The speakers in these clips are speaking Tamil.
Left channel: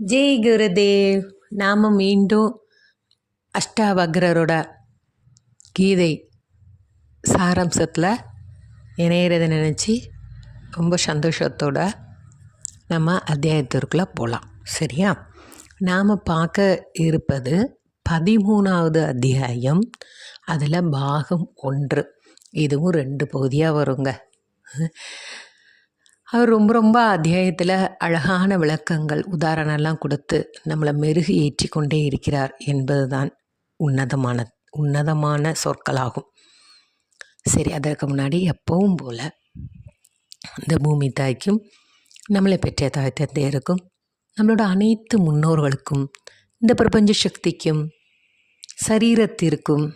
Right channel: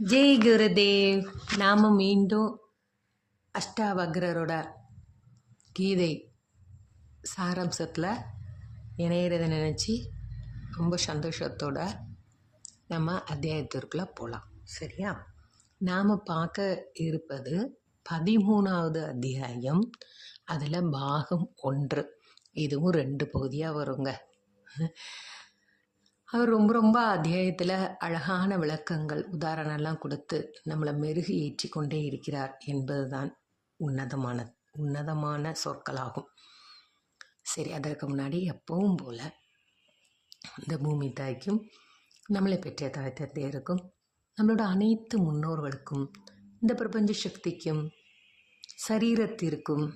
ஜெய் குருதேவ். நாம் மீண்டும் அஷ்டாவக்ரரோட கீதை சாராம்சத்தில் இணையிறதை நினச்சி ரொம்ப சந்தோஷத்தோட நம்ம அத்தியாயத்திற்குள்ளே போகலாம். சரியா? நாம் பார்க்க இருப்பது 13வது அத்தியாயம். அதில் பாகம் 1. இதுவும் 2 பகுதியாக வருங்க. அவர் ரொம்ப அத்தியாயத்தில் அழகான விளக்கங்கள் உதாரணம்லாம் கொடுத்து நம்மளை மெருகு ஏற்றி கொண்டே இருக்கிறார் என்பது தான் உன்னதமான சொற்களாகும். சரி, அதற்கு முன்னாடி எப்பவும் போல் இந்த பூமி தாய்க்கும் நம்மளை பெற்ற தாய் தந்தையருக்கும் நம்மளோட அனைத்து முன்னோர்களுக்கும் இந்த பிரபஞ்ச சக்திக்கும் சரீரத்திற்கும்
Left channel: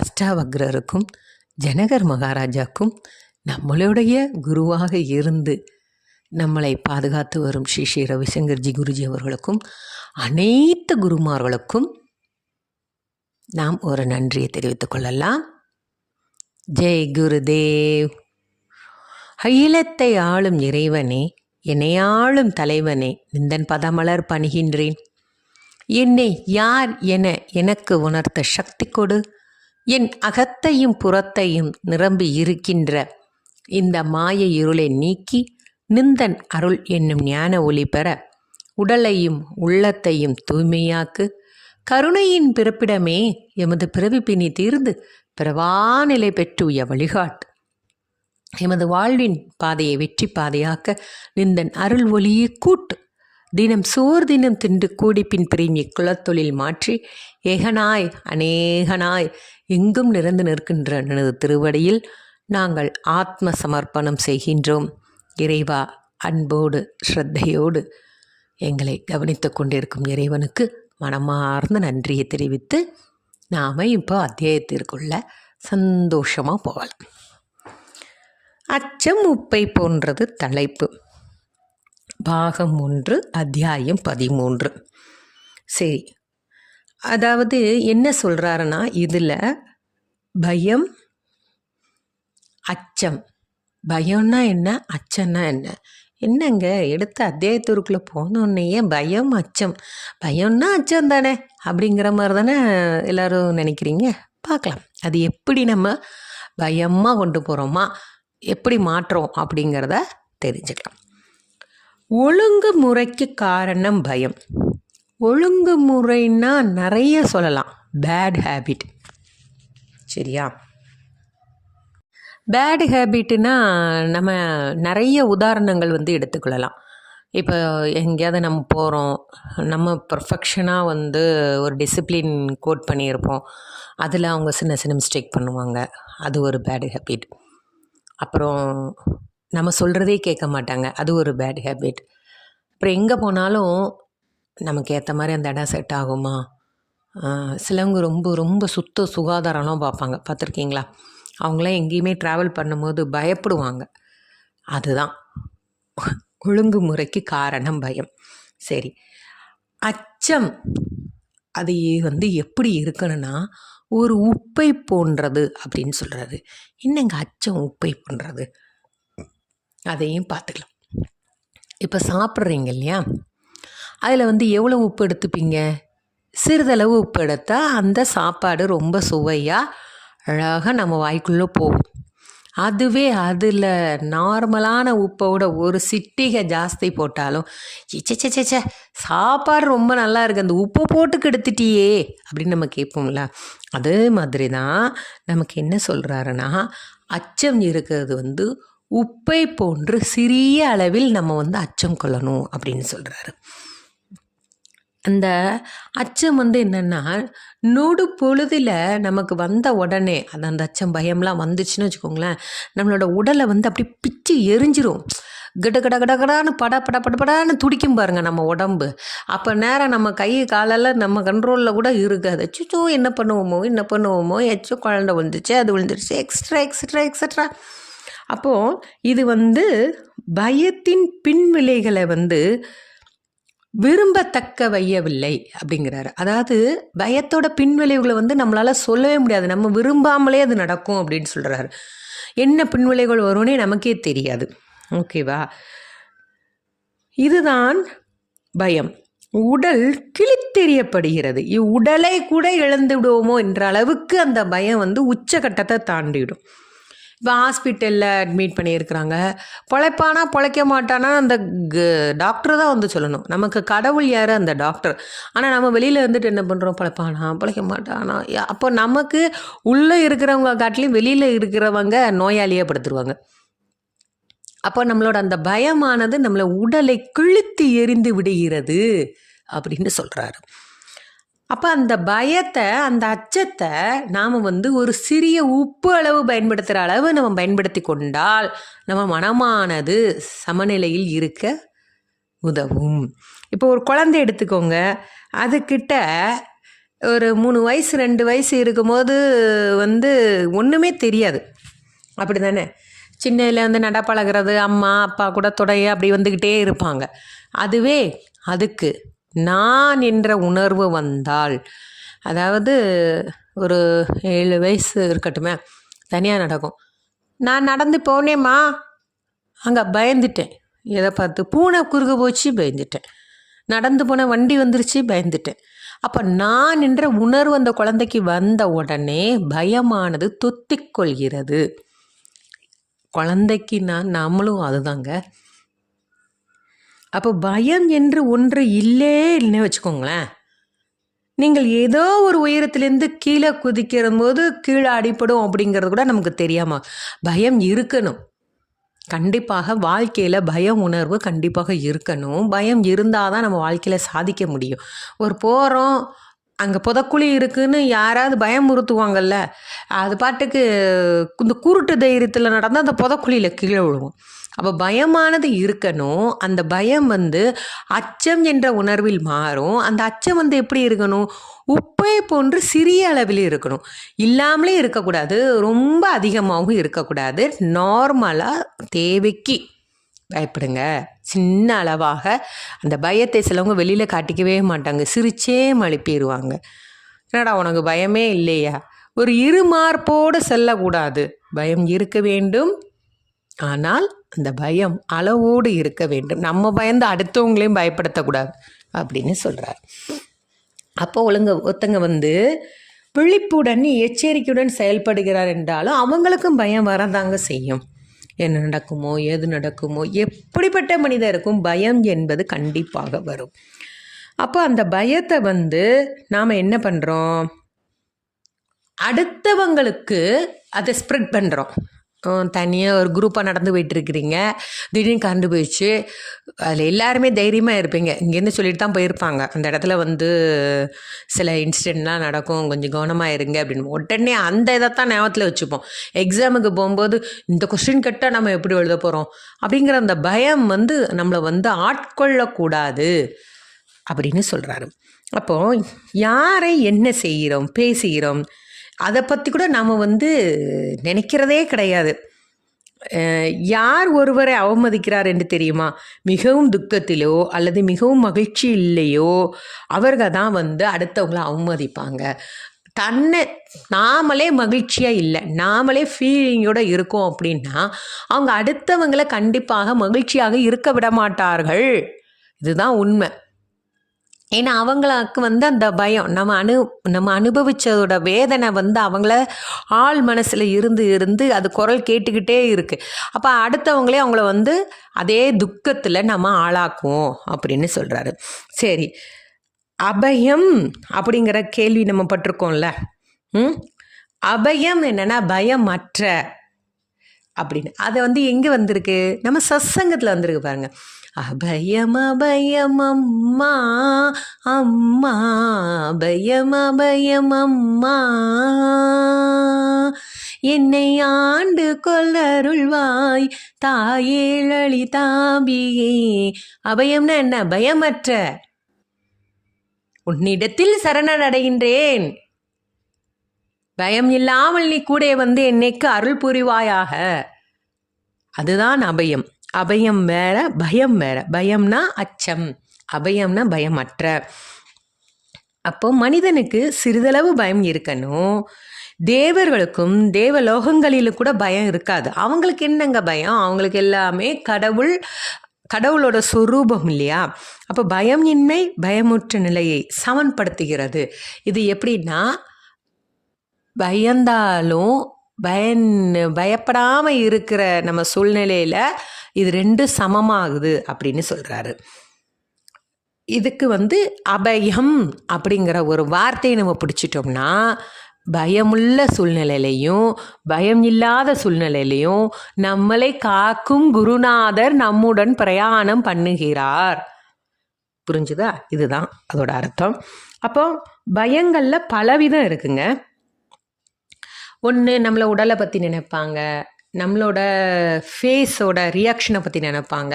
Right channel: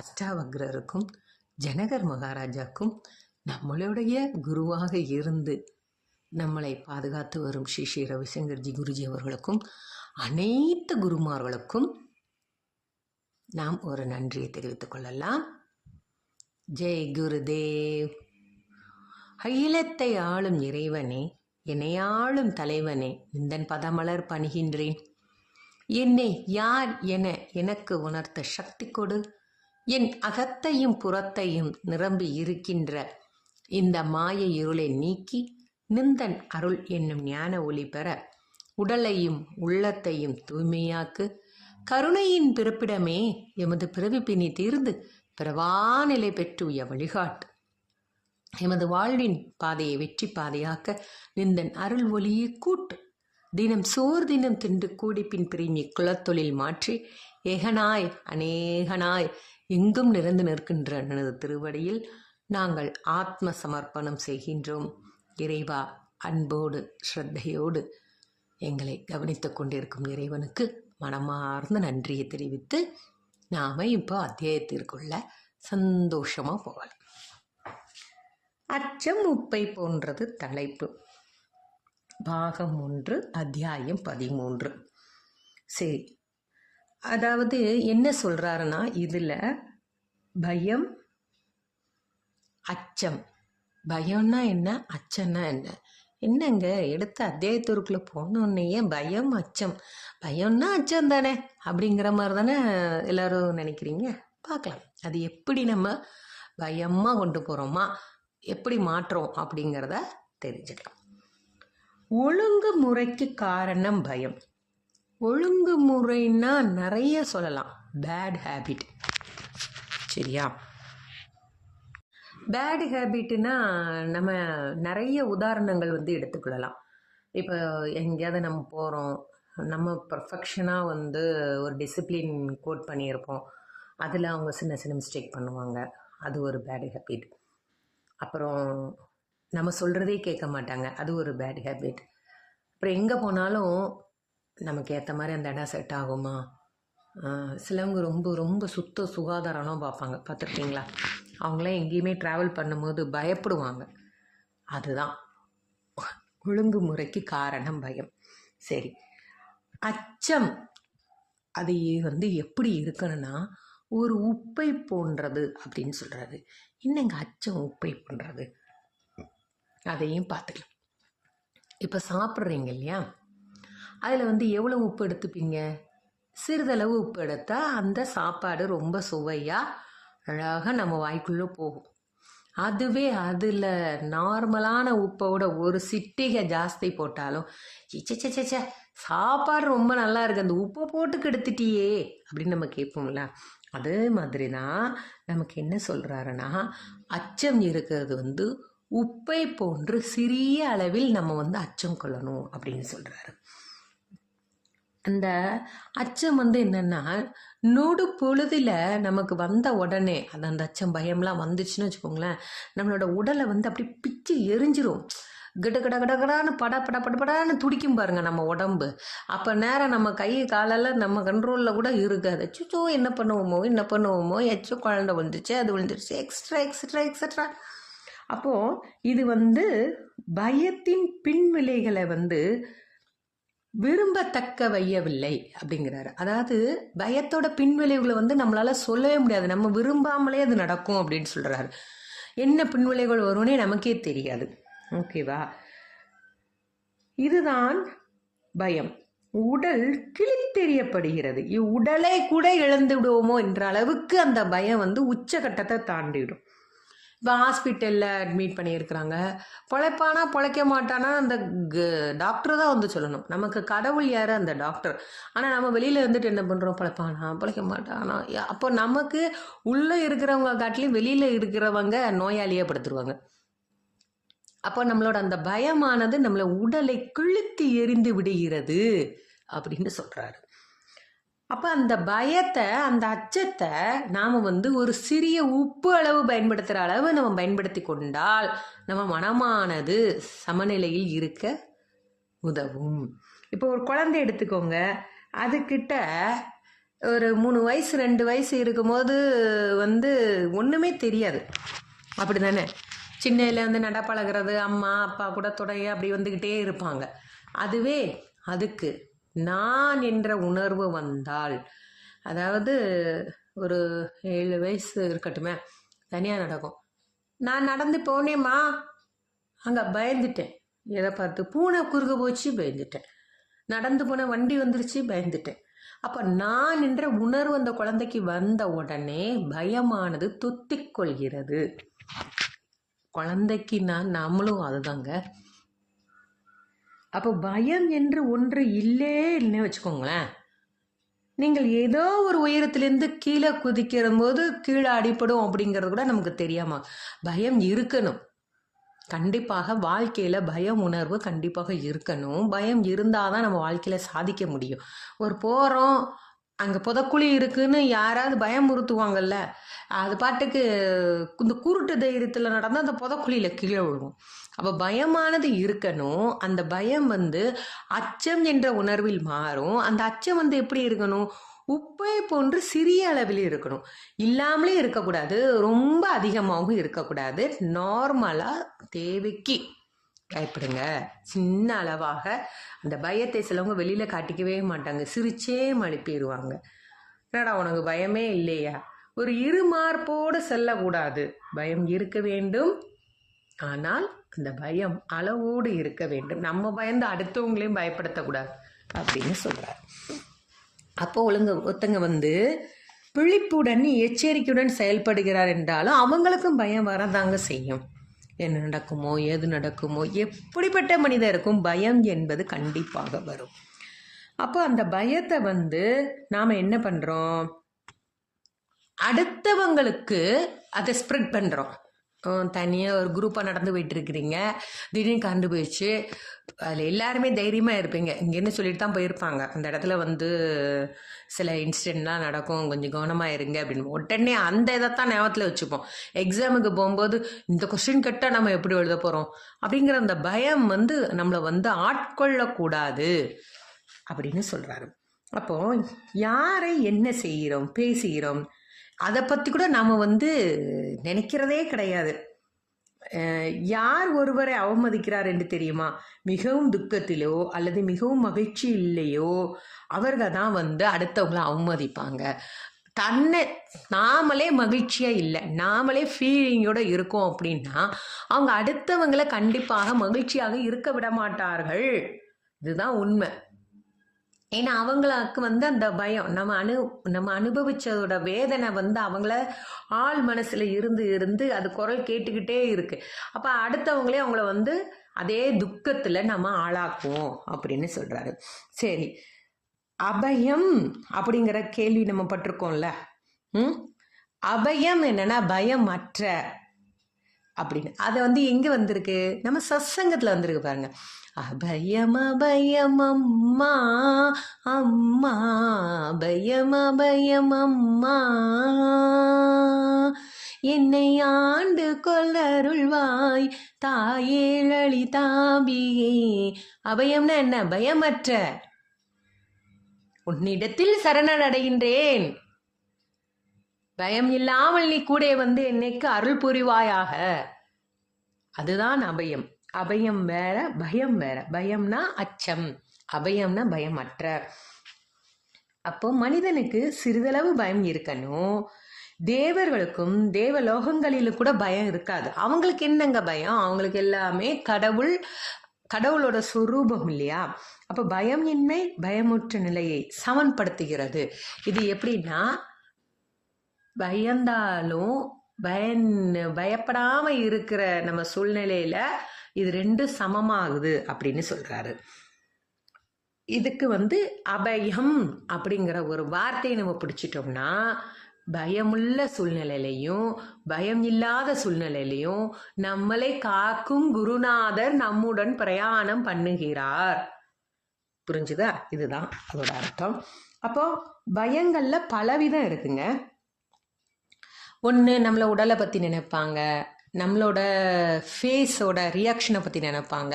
அஷ்டாவக்ரருக்கும் ஜனகர் மகாராஜாக்கும் நம்மளுடைய குருவாக இருந்து நம்மளை பாதுகாத்து வரும் ஸ்ரீ ஸ்ரீ ரவிசங்கர்ஜி குருஜி அவர்களுக்கும் அனைத்து குருமார்களுக்கும் நாம் ஒரு நன்றியை தெரிவித்துக் கொள்ளலாம். ஜெய் குருதேவ். அகிலத்தை ஆளும் இறைவனே, என்னை ஆளும் தலைவனே, நிந்தன் பதமலர் பணிகின்றேன். என்னை யார் என எனக்கு உணர்த்த சக்தி கொடு. என் அகத்தையும் புறத்தையும் நிரம்பி இருக்கின்ற இந்த மாய இருளை நீக்கி நிந்தன் அருள் என்னும் ஞான ஒளி பெற உடலையும் உள்ளத்தையும் தூய்மையாக்கு. கருணையின் பிறப்பிடமே, எமது பிறவி பிணி தீர்ந்து பிறவாநிலை பெற்றுய வழிகாட்டு. எமது வாழ்வின் பாதையை வெற்றி பாதையாக்க நிந்தன் அருள் ஒளியை கூட்டு. தினம் சோர் தினம் தின்று கூடிப்பின் பிரிமி குலத்தொழில் மாற்றி ஏகனாய் அநேகனாய் எங்கும் நிறைந்து நிற்கின்ற எனது திருவடியில் நாங்கள் ஆத்ம சமர்ப்பணம் செய்கின்றோம். இறைவா, அன்போடு ஸ்ரத்தையோடு எங்களை கவனித்து கொண்டிருக்கும் இறைவனுக்கு மனமார்ந்த நன்றியை தெரிவித்து நாம் இப்போ அத்தியாயத்திற்குள்ள சந்தோஷமாக போகலாம். அச்சம் உப்பை போன்றது தலைப்பு. பாகம் 1, அத்தியாயம் 13. சரி, அதாவது என்ன சொல்கிறாருன்னா, இதில் பயம், அச்சம். பயம்னா என்ன, அச்சம்னா என்ன? என்னங்க, எடுத்த அத்தியாயத்திற்குள்ளே போனோடனேயே பயம் அச்சம், பயம்னா அச்சம் தானே அப்படிங்கிற மாதிரி தானே எல்லோரும் நினைக்கிறீங்க. பார்க்கலாம் அது எப்படி நம்ம பயமாக கொண்டு போகிறோமா, எப்படி மாற்றுறோம் அப்படிங்கிறத தெரிஞ்சுக்கலாம். ஒழுங்கு முறைக்கு காரணம் பயம். ஒழுங்கு முறைன்னா நிறைய சொல்லலாம். Bad habit. சரியா? பேட் ஹேபிட்னா நம்ம நிறைய உதாரணங்கள் எடுத்துக்கொள்ளலாம். இப்போ எங்கேயாவது நம்ம போகிறோம், நம்ம பர்ஃபெக்ஷனாக ஒரு டிசிப்ளின் கோட் பண்ணியிருப்போம், அதில் அவங்க சின்ன சின்ன மிஸ்டேக் பண்ணுவாங்க, அது ஒரு பேட் ஹேபிட். அப்புறம் நம்ம சொல்கிறதே கேட்க மாட்டாங்க, அது ஒரு பேட் ஹேபிட். அப்புறம் எங்கே போனாலும் நமக்கு ஏற்ற மாதிரி அந்த இடம் செட் ஆகுமா? சிலவங்க ரொம்ப ரொம்ப சுத்த சுகாதாரம்லாம் பார்ப்பாங்க, பார்த்துருக்கீங்களா? அவங்களாம் எங்கேயுமே ட்ராவல் பண்ணும்போது பயப்படுவாங்க. அதுதான் ஒழுங்குமுறைக்கு காரணம் பயம். சரி, அச்சம் அது எப்படி இருக்கணும்னா ஒரு உப்பை போன்றது அப்படின்னு சொல்கிறது. என்னங்க அச்சம் உப்பை போன்றது? அதையும் பார்த்துக்கலாம். இப்போ சாப்பிட்றீங்க இல்லையா, அதில் எவ்வளோ உப்பு எடுத்துப்பீங்க? சிறிதளவு உப்பு எடுத்தால் அந்த சாப்பாடு ரொம்ப சுவையாக அழகாக நம்ம வாய்க்குள்ளே போகும். அதுவே அதில் நார்மலான உப்போட ஒரு சிட்டிகை ஜாஸ்தி போட்டாலும் சேச்சே சாப்பாடு ரொம்ப நல்லா இருக்குது, அந்த உப்பை போட்டு கெடுத்துட்டியே அப்படின்னு நம்ம கேட்போம்ல. அதே மாதிரி தான் நமக்கு என்ன சொல்கிறாருன்னா, அச்சம் இருக்கிறது உப்பை போன்று சிறிய அளவில் நம்ம அச்சம் கொள்ளணும் அப்படின்னு சொல்கிறாரு. அந்த அச்சம் என்னென்னா, நொடு பொழுதில் நமக்கு வந்த உடனே அந்த அச்சம் பயம்லாம் வந்துச்சுன்னு வச்சுக்கோங்களேன், நம்மளோட உடலை அப்படி பிச்சு எரிஞ்சிரும். கிட கிட கடகடான்னு படப்படான்னு துடிக்கும் பாருங்கள் நம்ம உடம்பு. அப்போ நேரம் நம்ம கை காலெல்லாம் நம்ம கண்ட்ரோலில் கூட இருக்காது. அச்சோ என்ன பண்ணுவோமோ எச்சோ குழந்தை விழுந்துச்சு, அது விழுந்துருச்சு, எக்ஸ்ட்ரா எக்ஸட்ரா எக்ஸட்ரா. அப்போது இது பயத்தின் பின்விளைகளை விரும்பத்தக்க வையவில்லை அப்படிங்கிறாரு. அதாவது பயத்தோட பின்விளைவுகளை நம்மளால் சொல்லவே முடியாது, நம்ம விரும்பாமலே அது நடக்கும் அப்படின்னு சொல்கிறாரு. என்ன பின்விளைவுகள் வரும்னே நமக்கே தெரியாது. ஓகேவா? இதுதான் பயம். உடல் கிழித்தெறியப்படுகிறது. இவ்வுடலை கூட இழந்து விடுவோமோ என்ற அளவுக்கு அந்த பயம் வந்து உச்சகட்டத்தை தாண்டிவிடும். இப்போ ஹாஸ்பிட்டலில் அட்மிட் பண்ணியிருக்கிறாங்க. பொழைப்பானா பொழைக்க மாட்டானா அந்த டாக்டர் தான் வந்து சொல்லணும். நமக்கு கடவுள் யார்? அந்த டாக்டர். ஆனால் நம்ம வெளியில் இருந்துட்டு என்ன பண்ணுறோம்? பொழைப்பானா பொழைக்க மாட்டானா? அப்போ நமக்கு உள்ளே இருக்கிறவங்க காட்டிலையும் வெளியில் இருக்கிறவங்க நோயாளியாக படுத்துருவாங்க. அப்போ நம்மளோட அந்த பயமானது நம்மளை உடலை கிழித்து எறிந்து விடுகிறது அப்படின்னு சொல்கிறாரு. அப்போ அந்த பயத்தை, அந்த அச்சத்தை நாம் வந்து ஒரு சிறிய உப்பு அளவு பயன்படுத்துகிற அளவு நம்ம பயன்படுத்தி கொண்டால் நம்ம மனமானது சமநிலையில் இருக்க உதவும். இப்போ ஒரு குழந்தை எடுத்துக்கோங்க. அதுக்கிட்ட ஒரு 3 வயசு 2 வயசு இருக்கும்போது வந்து ஒன்றுமே தெரியாது, அப்படி தானே? சின்னதில் வந்து நடப்பழகிறது, அம்மா அப்பா கூட தொடைய அப்படி வந்துக்கிட்டே இருப்பாங்க. அதுவே அதுக்கு நான் என்ற உணர்வு வந்தால், அதாவது ஒரு 7 வயசு இருக்கட்டுமே, தனியாக நடக்கும். நான் நடந்து போனேம்மா, அங்கே பயந்துட்டேன். எதை பார்த்து? பூனை குறுக்க போச்சு, பயந்துட்டேன். நடந்து போன வண்டி வந்துருச்சு, பயந்துட்டேன். அப்போ நான் என்ற உணர்வு அந்த குழந்தைக்கு வந்த உடனே பயமானது தொத்திக்கொள்கிறது. குழந்தைக்கு நம்மளும் அதுதாங்க. அப்போ பயம் என்று ஒன்று இல்லைன்னு வச்சுக்கோங்களேன். நீங்கள் ஏதோ ஒரு உயரத்துலேருந்து கீழே குதிக்கிற போது கீழே அடிப்படும் அப்படிங்கிறது கூட நமக்கு தெரியாமல் பயம் இருக்கணும். கண்டிப்பாக வாழ்க்கையில் பயம் உணர்வு கண்டிப்பாக இருக்கணும். பயம் இருந்தால் தான் நம்ம வாழ்க்கையில் சாதிக்க முடியும். ஒரு போகிறோம், அங்கே புதக்குழி இருக்குன்னு யாராவது பயமுறுத்துவாங்கல்ல, அது பாட்டுக்கு இந்த குருட்டு தைரியத்தில் நடந்தால் அந்த புதக்குழியில் கீழே விழுவோம். அப்போ பயமானது இருக்கணும். அந்த பயம் வந்து அச்சம் என்ற உணர்வில் மாறும். அந்த அச்சம் வந்து எப்படி இருக்கணும்? உப்பை போன்று சிறிய அளவில் இருக்கணும். இல்லாமலே இருக்கக்கூடாது, ரொம்ப அதிகமாகவும் இருக்கக்கூடாது. நார்மலாக தேவைக்கு பயப்படுங்க. சின்ன அளவாக அந்த பயத்தை சிலவங்க வெளியில் காட்டிக்கவே மாட்டாங்க, சிரிச்சே மழுப்பிடுவாங்க. என்னடா உனக்கு பயமே இல்லையா? ஒரு இருமார்போடு செல்லக்கூடாது. பயம் இருக்க வேண்டும், ஆனால் அந்த பயம் அளவோடு இருக்க வேண்டும். நம்ம பயந்து அடுத்தவங்களையும் பயப்படுத்தக்கூடாது அப்படின்னு சொல்கிறார். அப்போ ஒருத்தங்க வந்து விழிப்புடன் எச்சரிக்கையுடன் செயல்படுகிறார் என்றாலும் அவங்களுக்கும் பயம் வரதாங்க செய்யும். என்ன நடக்குமோ, எது நடக்குமோ, எப்படிப்பட்ட மனிதருக்கும் பயம் என்பது கண்டிப்பாக வரும். அப்போ அந்த பயத்தை வந்து நாம் என்ன பண்ணுறோம்? அடுத்தவங்களுக்கு அதை ஸ்ப்ரெட் பண்ணுறோம். தனியாக ஒரு குரூப்பாக நடந்து போயிட்டுருக்கிறீங்க, திடீர்னு கரண்டு போயிடுச்சு. அதில் எல்லாருமே தைரியமாக இருப்பீங்க, இங்கேருந்து சொல்லிட்டு தான் போயிருப்பாங்க. அந்த இடத்துல வந்து சில இன்சிடெண்ட்லாம் நடக்கும், கொஞ்சம் கவனமாக இருங்க அப்படின்னு. உடனே அந்த இதைத்தான் ஞாபகத்தில் வச்சுப்போம். எக்ஸாமுக்கு போகும்போது இந்த கொஸ்டின் கேட்டால் நம்ம எப்படி எழுத போகிறோம் அப்படிங்கிற அந்த பயம் வந்து நம்மளை வந்து ஆட்கொள்ளக்கூடாது அப்படின்னு சொல்கிறாரு. அப்போது யாரை என்ன செய்கிறோம், பேசுகிறோம், அதை பற்றி கூட நாம் வந்து நினைக்கிறதே கிடையாது. யார் ஒருவரை அவமதிக்கிறார் என்று தெரியுமா? மிகவும் துக்கத்திலோ அல்லது மிகவும் மகிழ்ச்சி இல்லையோ அவர்கள் தான் வந்து அடுத்தவங்களை அவமதிப்பாங்க. நாமளே மகிழ்ச்சியாக இல்லை, நாமளே ஃபீலிங்கோடு இருக்கோம் அப்படின்னா அவங்க அடுத்தவங்களை கண்டிப்பாக மகிழ்ச்சியாக இருக்க விட மாட்டார்கள். இதுதான் உண்மை. ஏன்னா அவங்களுக்கு வந்து அந்த பயம் நம்ம அனுபவித்ததோட வேதனை வந்து அவங்கள ஆள் மனசில் இருந்து அது குரல் கேட்டுக்கிட்டே இருக்குது. அப்போ அடுத்தவங்களே அவங்கள வந்து அதே துக்கத்தில் நம்ம ஆளாக்குவோம் அப்படின்னு சொல்கிறாரு. சரி, அபயம் அப்படிங்கிற கேள்வி நம்ம பட்டிருக்கோம்ல. அபயம் என்னென்னா பயமற்ற அப்படின்னு. அது வந்து எங்கே வந்திருக்கு? நம்ம சத்சங்கத்தில் வந்திருக்கு பாருங்க. அபயம் அபயம் அம்மா அம்மா, அபயம் அபயம் அம்மா, என்னை ஆண்டு கொள்ளருள்வாய் தாயேழி தாபியே. அபயம்னா என்ன? பயமற்ற. உன்னிடத்தில் சரணடைகின்றேன், பயம் இல்லாமல் நீ கூட வந்து என்னைக்கு அருள் புரிவாயாக. அதுதான் அபயம். அபயம் வேற, பயம் வேற. பயம்னா அச்சம், அபயம்னா பயமற்ற. அப்போ மனிதனுக்கு சிறிதளவு பயம் இருக்கணும். தேவர்களுக்கும் தேவலோகங்களிலும் கூட பயம் இருக்காது. அவங்களுக்கு என்னங்க பயம்? அவங்களுக்கு எல்லாமே கடவுள் கடவுளோட சொரூபம் இல்லையா? அப்போ பயம் இன்மை பயமுற்ற நிலையை சமன்படுத்துகிறது. இது எப்படின்னா, பயந்தாலும் பயப்படாமல் இருக்கிற நம்ம சூழ்நிலையில் இது ரெண்டும் சமமாகுது அப்படின்னு சொல்கிறாரு. இதுக்கு அபயம் அப்படிங்கிற ஒரு வார்த்தையை நம்ம பிடிச்சிட்டோம்னா, பயமுள்ள சூழ்நிலையிலையும் பயம் இல்லாத சூழ்நிலையிலையும் நம்மளை காக்கும் குருநாதர் நம்முடன் பிரயாணம் பண்ணுகிறார். புரிஞ்சுதா? இதுதான் அதோட அர்த்தம். அப்போ பயங்களில் பலவிதம் இருக்குங்க. ஒன்று, நம்மளை உடலை பற்றி நினைப்பாங்க, நம்மளோட ஃபேஸோட ரியாக்ஷனை பற்றி நினைப்பாங்க.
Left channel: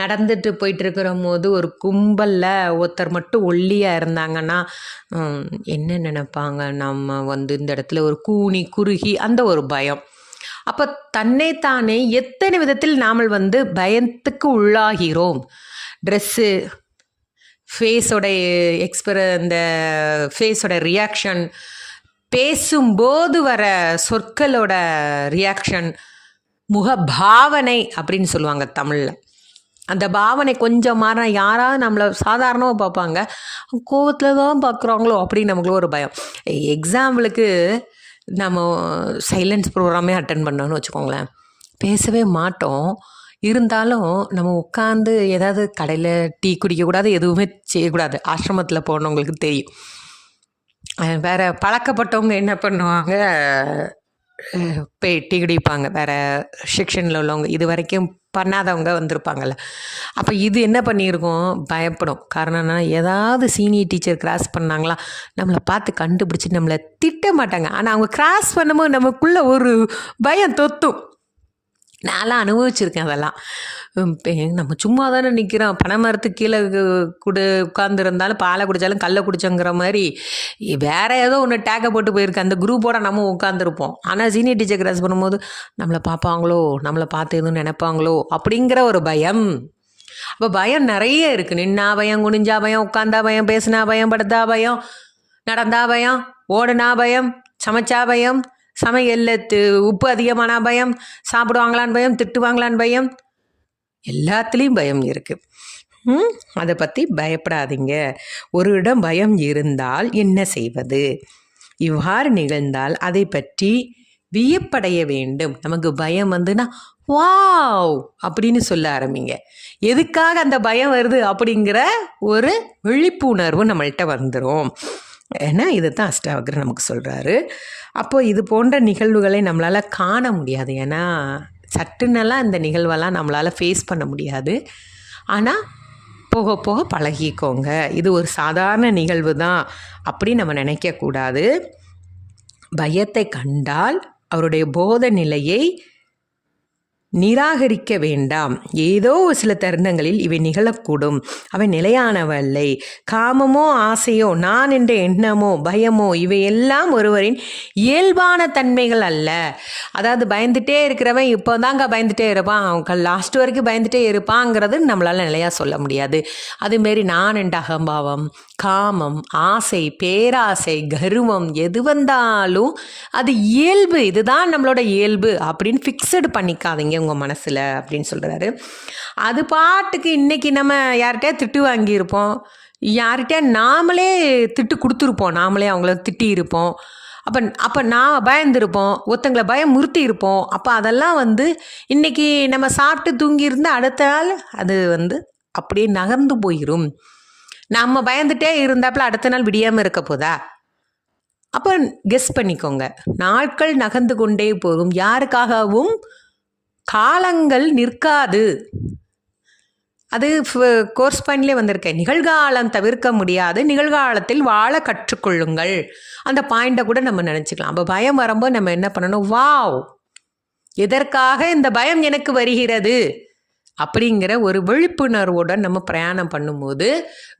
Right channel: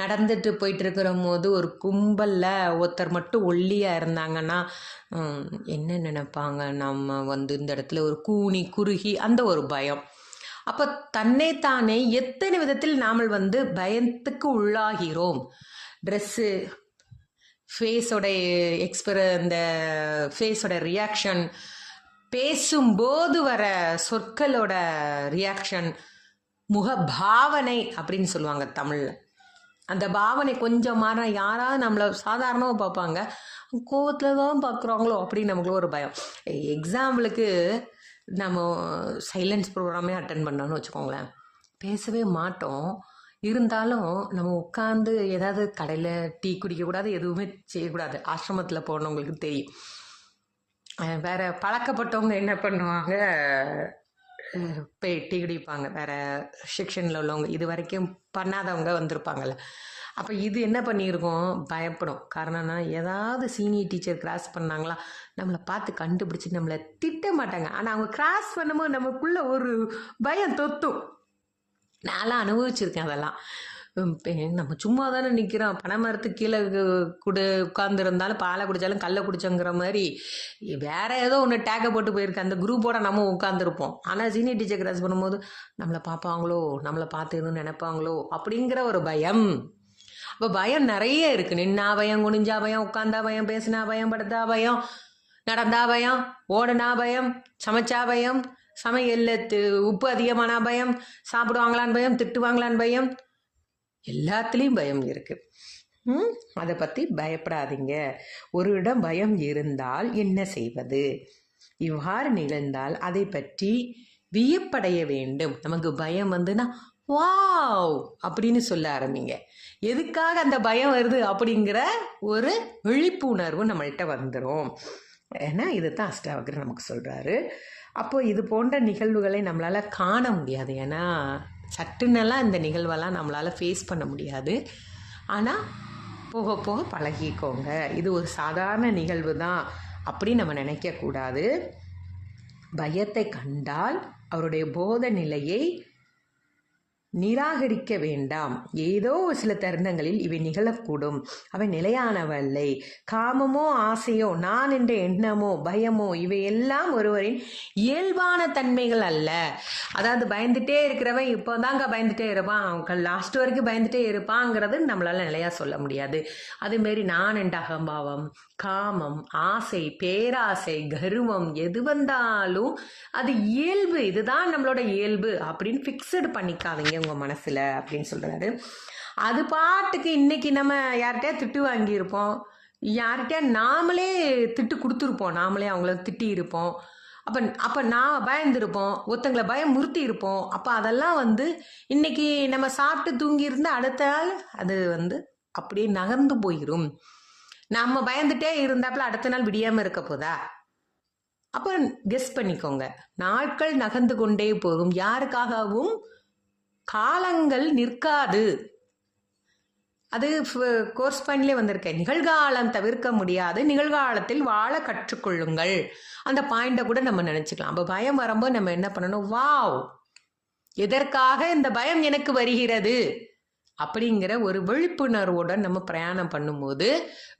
நடந்துட்டு போயிட்டு இருக்கிற போது ஒரு கும்பலில் ஒருத்தர் மட்டும் ஒல்லியாக இருந்தாங்கன்னா என்ன நினைப்பாங்க, நம்ம இந்த இடத்துல ஒரு கூனி குறுகி அந்த ஒரு பயம். அப்போ தன்னைத்தானே எத்தனை விதத்தில் நாம் பயத்துக்கு உள்ளாகிறோம். ட்ரெஸ்ஸு, ஃபேஸோட இந்த ஃபேஸோட ரியாக்ஷன், பேசும்போது வர சொற்களோட ரியாக்ஷன், முக பாவனை அப்படின்னு சொல்லுவாங்க தமிழில். அந்த பாவனை கொஞ்சம் மாறினா யாராவது நம்மளை சாதாரணமாக பார்ப்பாங்க, கோவத்தில் தான் பார்க்குறாங்களோ அப்படின்னு நமக்குள்ள ஒரு பயம். எக்ஸாம்பிளுக்கு நம்ம சைலன்ஸ் ப்ரோக்ராமே அட்டன் பண்ணோன்னு வச்சுக்கோங்களேன், பேசவே மாட்டோம். இருந்தாலும் நம்ம உட்காந்து ஏதாவது கடையில் டீ குடிக்கக்கூடாது, எதுவுமே செய்யக்கூடாது. ஆசிரமத்தில் போனவங்களுக்கு தெரியும். வேறு பழக்கப்பட்டவங்க என்ன பண்ணுவாங்க, போய் டீ குடிப்பாங்க. வேறு செக்ஷனில் உள்ளவங்க, இது வரைக்கும் பண்ணாதவங்க வந்திருப்பாங்கள்ல. அப்போ இது என்ன பண்ணியிருக்கோம், பயப்படும். காரணம் என்ன, ஏதாவது சீனியர் டீச்சர் கிராஸ் பண்ணாங்களா, நம்மளை பார்த்து கண்டுபிடிச்சி நம்மளை திட்ட மாட்டாங்க. ஆனால் அவங்க கிராஸ் பண்ணும்போது நமக்குள்ளே ஒரு பயம் தொத்தும். நான்லாம் அனுபவிச்சிருக்கேன் அதெல்லாம். நம்ம சும்மா தானே நிற்கிறோம், பனை மரத்துக்கு கீழே உட்காந்துருந்தாலும் பாலை குடித்தாலும் கல்லை குடிச்சோங்கிற மாதிரி வேறு ஏதோ ஒன்று டேக்கை போட்டு போயிருக்கு. அந்த குரூப்போட நம்ம உட்காந்துருப்போம். ஆனால் சீனியர் டீச்சர் கிராஸ் பண்ணும்போது நம்மளை பார்ப்பாங்களோ, நம்மளை பார்த்து எதுவும் நினைப்பாங்களோ அப்படிங்கிற ஒரு பயம். அப்போ பயம் நிறைய இருக்குது. நின்னா பயம், குனிஞ்சா பயம், உட்காந்தா பயம், பேசினா பயம், படுத்தா பயம், நடந்தா பயம், ஓடுனா பயம், சமைச்சா பயம், சமையலில் உப்பு அதிகமான பயம், சாப்பிடுவாங்களான்னு பயம், திட்டுவாங்களான்னு பயம், எல்லாத்துலேயும் பயம் இருக்குது. அதை பற்றி பயப்படாதீங்க. ஒரு இடம் பயம் இருந்தால் என்ன செய்வது? இவ்வாறு நிகழ்ந்தால் அதை பற்றி வியப்படைய வேண்டும். நமக்கு பயம் வாவ் அப்படின்னு சொல்ல ஆரம்பிங்க. எதுக்காக அந்த பயம் வருது அப்படிங்கிற ஒரு விழிப்புணர்வு நம்மள்கிட்ட வந்துடும். ஏன்னா இதை தான் அஷ்டாவக்ரர் நமக்கு சொல்கிறாரு. அப்போது இது போன்ற நிகழ்வுகளை நம்மளால் காண முடியாது. ஏன்னா சட்டுன்னெல்லாம் இந்த நிகழ்வெல்லாம் நம்மளால் ஃபேஸ் பண்ண முடியாது. ஆனால் போக போக பழகிக்கோங்க. இது ஒரு சாதாரண நிகழ்வு தான் அப்படி நம்ம நினைக்கக்கூடாது. பயத்தை கண்டால் அவருடைய போத நிலையை நிராகரிக்க வேண்டாம். ஏதோ சில தருணங்களில் இவை நிகழக்கூடும். அவை நிலையானவல்லை. காமமோ ஆசையோ நான் என்ற எண்ணமோ பயமோ இவையெல்லாம் ஒருவரின் இயல்பான தன்மைகள் அல்ல. அதாவது பயந்துட்டே இருக்கிறவன் இப்போ தாங்க பயந்துட்டே இருப்பான், அவன் லாஸ்ட் வரைக்கும் பயந்துட்டே இருப்பாங்கிறது நம்மளால் நிலையாக சொல்ல முடியாது. அதுமாரி நான் என்ற அகம்பாவம், காமம், ஆசை, பேராசை, கர்வம் எது வந்தாலும் அது இயல்பு, இதுதான் நம்மளோட இயல்பு அப்படின்னு ஃபிக்ஸடு பண்ணிக்காதீங்க உங்கள் மனசில் அப்படின்னு சொல்கிறாரு. அது பாட்டுக்கு இன்றைக்கி நம்ம யார்கிட்டயா திட்டு வாங்கியிருப்போம், யார்கிட்டயா நாமளே திட்டு கொடுத்துருப்போம், நாமளே அவங்கள திட்டியிருப்போம். அப்போ நான் பயந்துருப்போம், ஒருத்தங்களை பயமுறுத்தி இருப்போம். அப்போ அதெல்லாம் இன்றைக்கி நம்ம சாப்பிட்டு தூங்கியிருந்தால் அடுத்த நாள் அது அப்படியே நகர்ந்து போயிடும். நம்ம பயந்துட்டே இருந்தாப்புல அடுத்த நாள் விடியாமல் இருக்க போதா? அப்போ கெஸ் பண்ணிக்கோங்க. நாட்கள் நகர்ந்து கொண்டே போகும். யாருக்காகவும் காலங்கள் நிற்காது. அது கோர்ஸ் பாயிண்ட்லேயே வந்திருக்கேன். நிகழ்காலம் தவிர்க்க முடியாது, நிகழ்காலத்தில் வாழ கற்றுக்கொள்ளுங்கள். அந்த பாயிண்ட்டை கூட நம்ம நினச்சிக்கலாம். அப்போ பயம் வரும்போது நம்ம என்ன பண்ணணும், வாவ் எதற்காக இந்த பயம் எனக்கு வருகிறது அப்படிங்கிற ஒரு விழிப்புணர்வோடு நம்ம பிரயாணம் பண்ணும்போது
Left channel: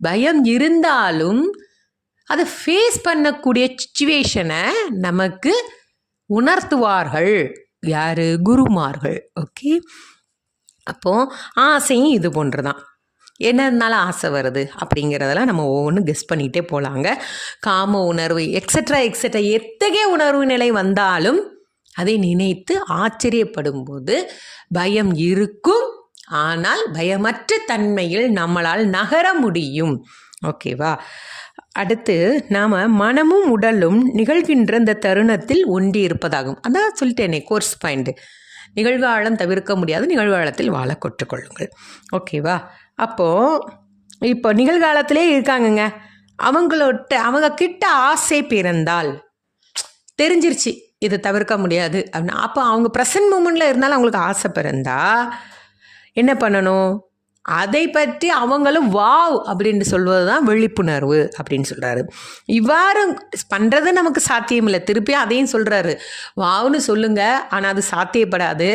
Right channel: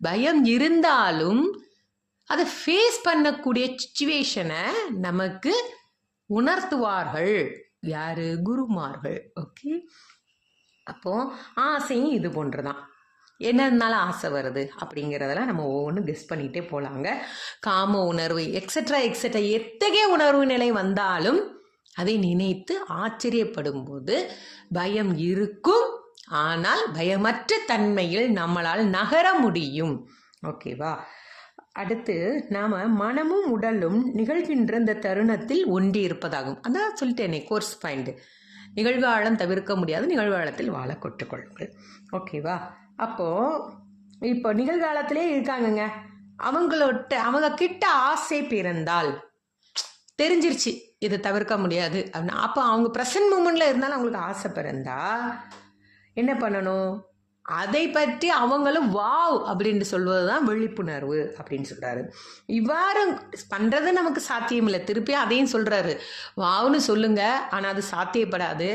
பயம் இருந்தாலும் அதை ஃபேஸ் பண்ணக்கூடிய சிச்சுவேஷனை நமக்கு உணர்த்துவார்கள். யார்? குருமார்கள். ஓகே. அப்போது ஆசையும் இது போன்று தான். என்ன இருந்தாலும் ஆசை வருது அப்படிங்கிறதெல்லாம் நம்ம ஒவ்வொன்றும் கெஸ் பண்ணிகிட்டே போகலாங்க. காம உணர்வு எக்ஸட்ரா எத்தகைய உணர்வு நிலை வந்தாலும் அதை நினைத்து ஆச்சரியப்படும் போது பயம் இருக்கும். ஆனால் பயமற்ற தன்மையில் நம்மளால் நகர முடியும். ஓகேவா? அடுத்து நாம் மனமும் உடலும் நிகழ்கின்ற இந்த தருணத்தில் ஒன்றி இருப்பதாகும். அதான் சொல்லிட்டேனே கோர்ஸ் பாயிண்ட்டு. நிகழ்காலம் தவிர்க்க முடியாது, நிகழ்காலத்தில் வாழ கற்றுக்கொள்ளுங்கள். ஓகேவா? அப்போது இப்போ நிகழ்காலத்திலே இருக்காங்கங்க, அவங்க கிட்ட ஆசை பிறந்தால் தெரிஞ்சிருச்சு இதை தவிர்க்க முடியாது அப்படின்னா, அப்போ அவங்க ப்ரெசன்ட் மூமெண்ட்டில் இருந்தாலும் அவங்களுக்கு ஆசை பிறந்தா என்ன பண்ணணும்? அதை பற்றி அவங்களும் வாவ் அப்படின்னு சொல்வது தான் விழிப்புணர்வு அப்படின்னு சொல்கிறாரு. இவ்வாறு பண்ணுறது நமக்கு சாத்தியம் இல்லை. திருப்பி அதையும் சொல்கிறாரு, வாவ்னு சொல்லுங்கள், ஆனால் அது சாத்தியப்படாது.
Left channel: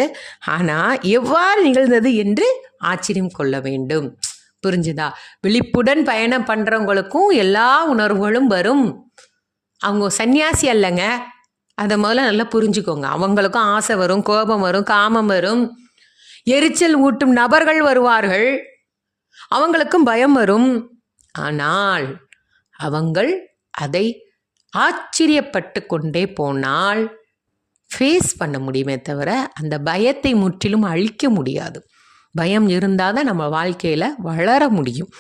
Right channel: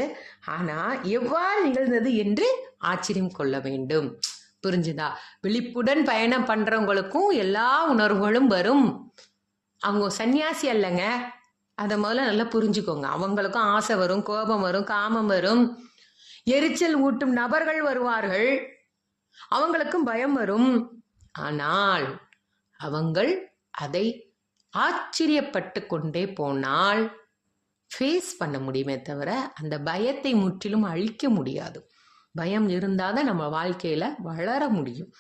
ஆனால் எவ்வாறு நிகழ்ந்தது என்று ஆச்சரியம் கொள்ள வேண்டும். புரிஞ்சுதா? விழிப்புடன் பயணம் பண்ணுறவங்களுக்கும் எல்லா உணர்வுகளும் வரும். அவங்க சன்னியாசி அல்லங்க, அதை முதல்ல நல்லா புரிஞ்சுக்கோங்க. அவங்களுக்கும் ஆசை வரும், கோபம் வரும், காமம் வரும், எரிச்சல் ஊட்டும் நபர்கள் வருவார்கள், அவங்களுக்கும் பயம் வரும். ஆனால் அவங்கள் அதை ஆச்சரியப்பட்டு கொண்டே போனால் ஃபேஸ் பண்ண முடியுமே தவிர அந்த பயத்தை முற்றிலும் அழிக்க முடியாது. பயம் இருந்தால் தான் நம்ம வாழ்க்கையில் வளர முடியும்.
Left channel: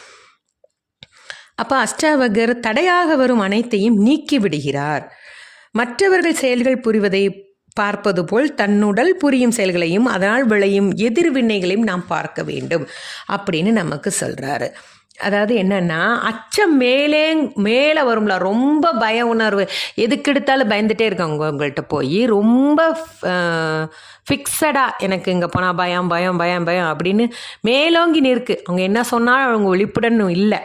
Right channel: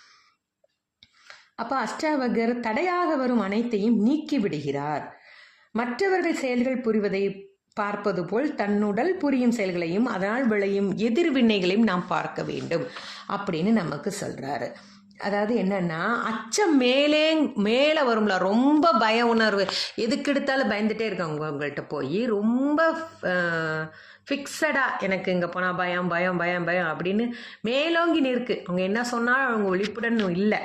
அப்போ அஷ்டாவகர் தடையாக வரும் அனைத்தையும் நீக்கி விடுகிறார். மற்றவர்கள் செயல்கள் புரிவதை பார்ப்பது போல் தன்னுடல் புரியும் செயல்களையும் அதனால் விளையும் எதிர்வினைகளையும் நாம் பார்க்க வேண்டும் அப்படின்னு நமக்கு சொல்கிறாரு. அதாவது என்னென்னா, அச்சம் மேலே வரும்ல, ரொம்ப பய உணர்வு, எதுக்கு எடுத்தாலும் பயந்துகிட்டே இருக்காங்க. உங்கள்கிட்ட போய் ரொம்ப ஃபிக்ஸடாக எனக்கு இங்கே போனால் பயம் பயம் பயம் பயம் அப்படின்னு மேலோங்கி நிற்கு. அவங்க என்ன சொன்னாலும் அவங்க விழிப்புடன் இல்லை.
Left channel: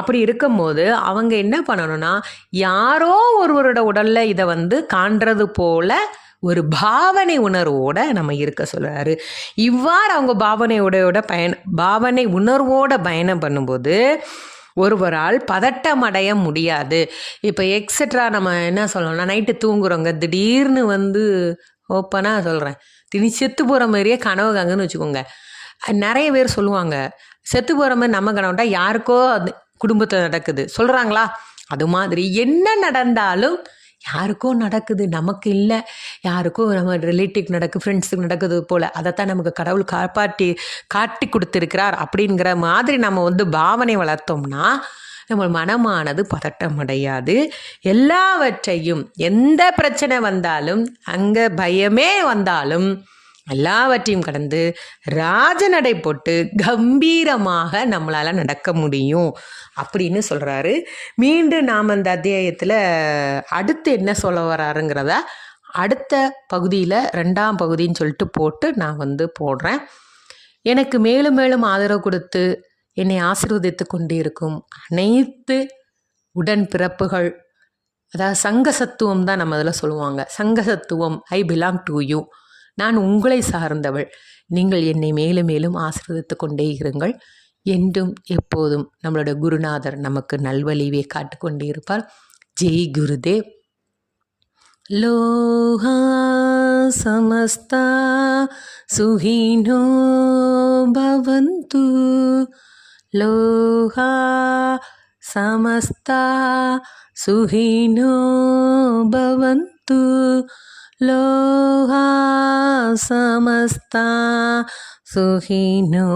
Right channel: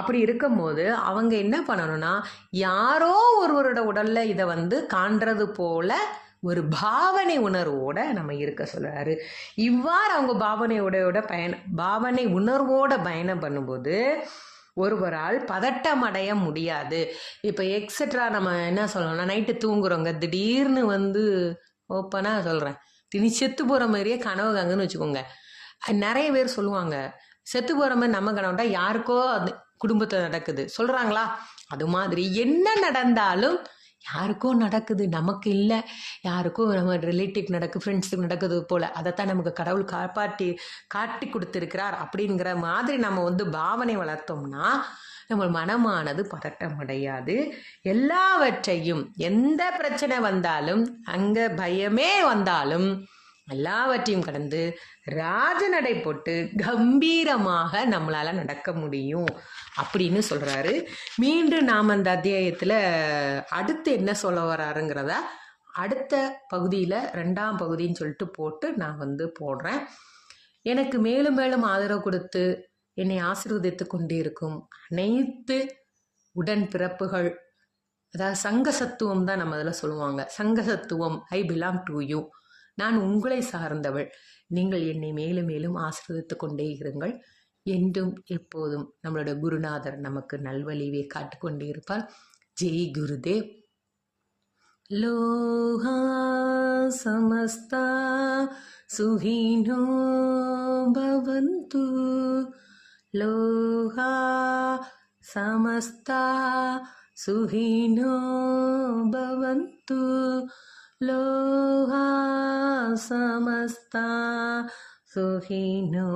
அப்படி இருக்கும்போது அவங்க என்ன பண்ணணும்னா, யாரோ ஒருவரோட உடலில் இதை காண்றது போல் ஒரு பாவனை உணர்வோட நம்ம இருக்க சொல்கிறாரு. இவ்வாறு அவங்க பாவனை உணர்வோட பயணம் பண்ணும்போது ஒருவரால் பதட்டம் அடைய முடியாது. இப்போ எக்ஸட்ரா நம்ம என்ன சொல்லணும்னா, நைட்டு தூங்குறோங்க, திடீர்னு ஓப்பனாக சொல்கிறேன், திடீர்னு செத்து போகிற மாதிரியே கனவு காங்கன்னு வச்சுக்கோங்க. நிறைய பேர் சொல்லுவாங்க, செத்து போகிற மாதிரி நம்ம கனவுட்டா யாருக்கோ அது குடும்பத்தில் நடக்குது சொல்கிறாங்களா? அது மாதிரி என்ன நடந்தாலும் யாருக்கோ நடக்குது, நமக்கு இல்லை. யாருக்கும் நம்ம ரிலேட்டிவ் நடக்குது, ஃப்ரெண்ட்ஸுக்கு நடக்குது போல், அதைத்தான் நமக்கு கடவுள் காட்டி கொடுத்துருக்கிறார் அப்படிங்கிற மாதிரி நம்ம பாவனை வளர்த்தோம்னா நம்ம மனமானது பதட்டம் அடையாது. எல்லாவற்றையும், எந்த பிரச்சனை வந்தாலும், அங்கே பயமே வந்தாலும் எல்லாவற்றையும் கடந்து ராஜநடை போட்டு கம்பீரமாக நம்மளால் நடக்க முடியும் அப்படின்னு சொல்கிறாரு. மீண்டும் நாம் அந்த அத்தியாயத்தில் அடுத்து என்ன சொல்ல வராருங்கிறத அடுத்த பகுதியில் 2ஆம் பகுதின்னு சொல்லிட்டு போட்டு நான் போடுறேன். எனக்கு மேலும் மேலும் ஆதரவு கொடுத்து என்னை ஆசீர்வதித்து கொண்டு இருக்கும் அனைத்து உடன்பிறப்புகள், அதாவது சங்கசத்துவம் தான் நம்ம அதில் சொல்லுவாங்க. சங்கசத்துவம், ஐ பிலாங் டு யூ, நான் உங்களை சார்ந்தவள், நீங்கள் என்னை மேலும் மேலும் ஆசீர்வதித்து கொண்டே இருங்கள். என்றும் எப்போதும் நம்மளோட குருநாதர் நமக்கு நல்வழிவே காட்டுக்கொண்டே இருப்பார். ஜெய் குருதேவ். லோகா சமஸ்தா சுஹினோ பவந்து, லோகா சமஸ்தா சுஹினோ பவந்து, லோகா சமஸ்தா சுஹினோ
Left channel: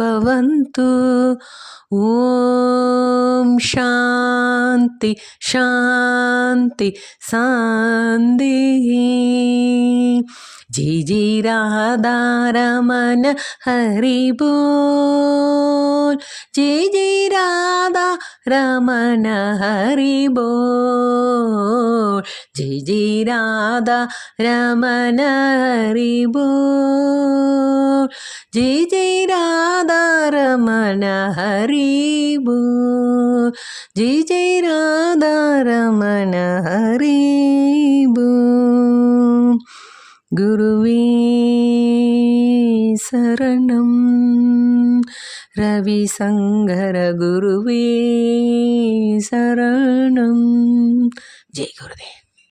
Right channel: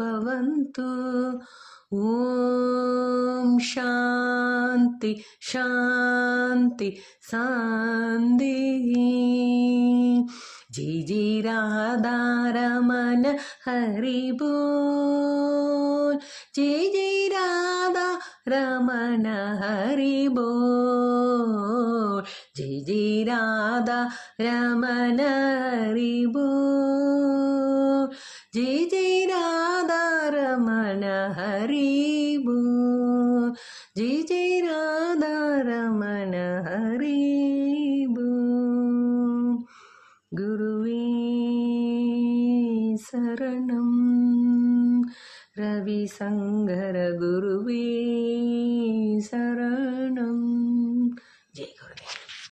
பவந்து. ஓம் சாந்தி சாந்தி சாந்தி. ஜெய் ஜெய் ராதா ரமண ஹரி போல், ஜெய் ஜெய் ராதா ரமண ஹரி போல், ஜெய் ஜெய் ராதா ரமண ஹரி போல், ஜெய் ஜெய் ராதா ரமண ஹரி போல், ஜெய் ஜெய் ராதா ரமண ஹரி போல். குருவே சரணம், ரவிசங்கர குருவே சரணம். ஜெய் குருதேவ்.